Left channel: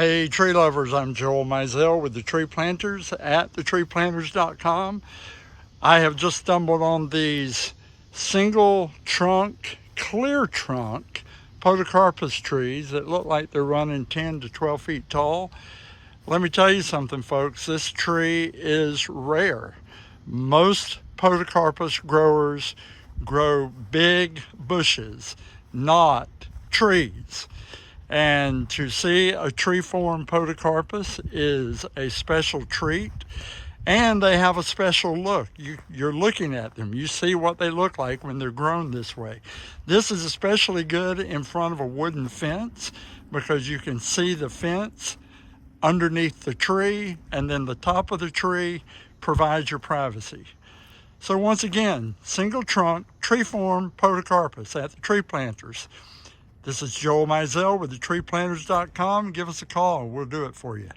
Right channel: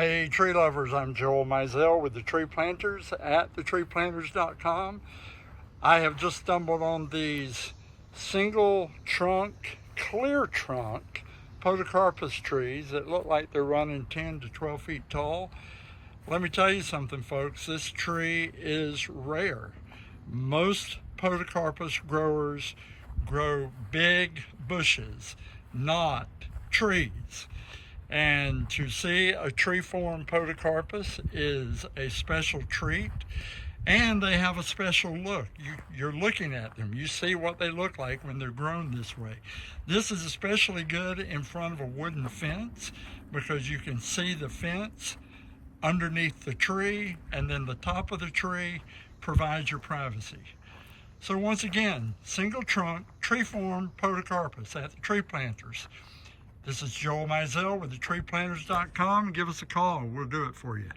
Hey tree lovers, I'm Joel Mizell with the Tree Planters at thetreeplanters.com. I have just stumbled on these single trunk, clear trunk Podocarpus trees that look like they're running 10 to 12 feet tall. Let me tell you something, folks, this tree is rare. Most Podocarpus growers grow big bushes, not trees. And to see a tree form Podocarpus is a special treat, and they have a special look. You're looking at them. You see what they look like when they're grown this way. This is especially good in front of a wooden fence because you can see the fence underneath the tree, and then the top of the tree provides your privacy. So once again, single trunk, tree form Podocarpus at the Tree Planters. This is Joel Mizell with thetreeplanters.com. Give us a call. We'll do it for you.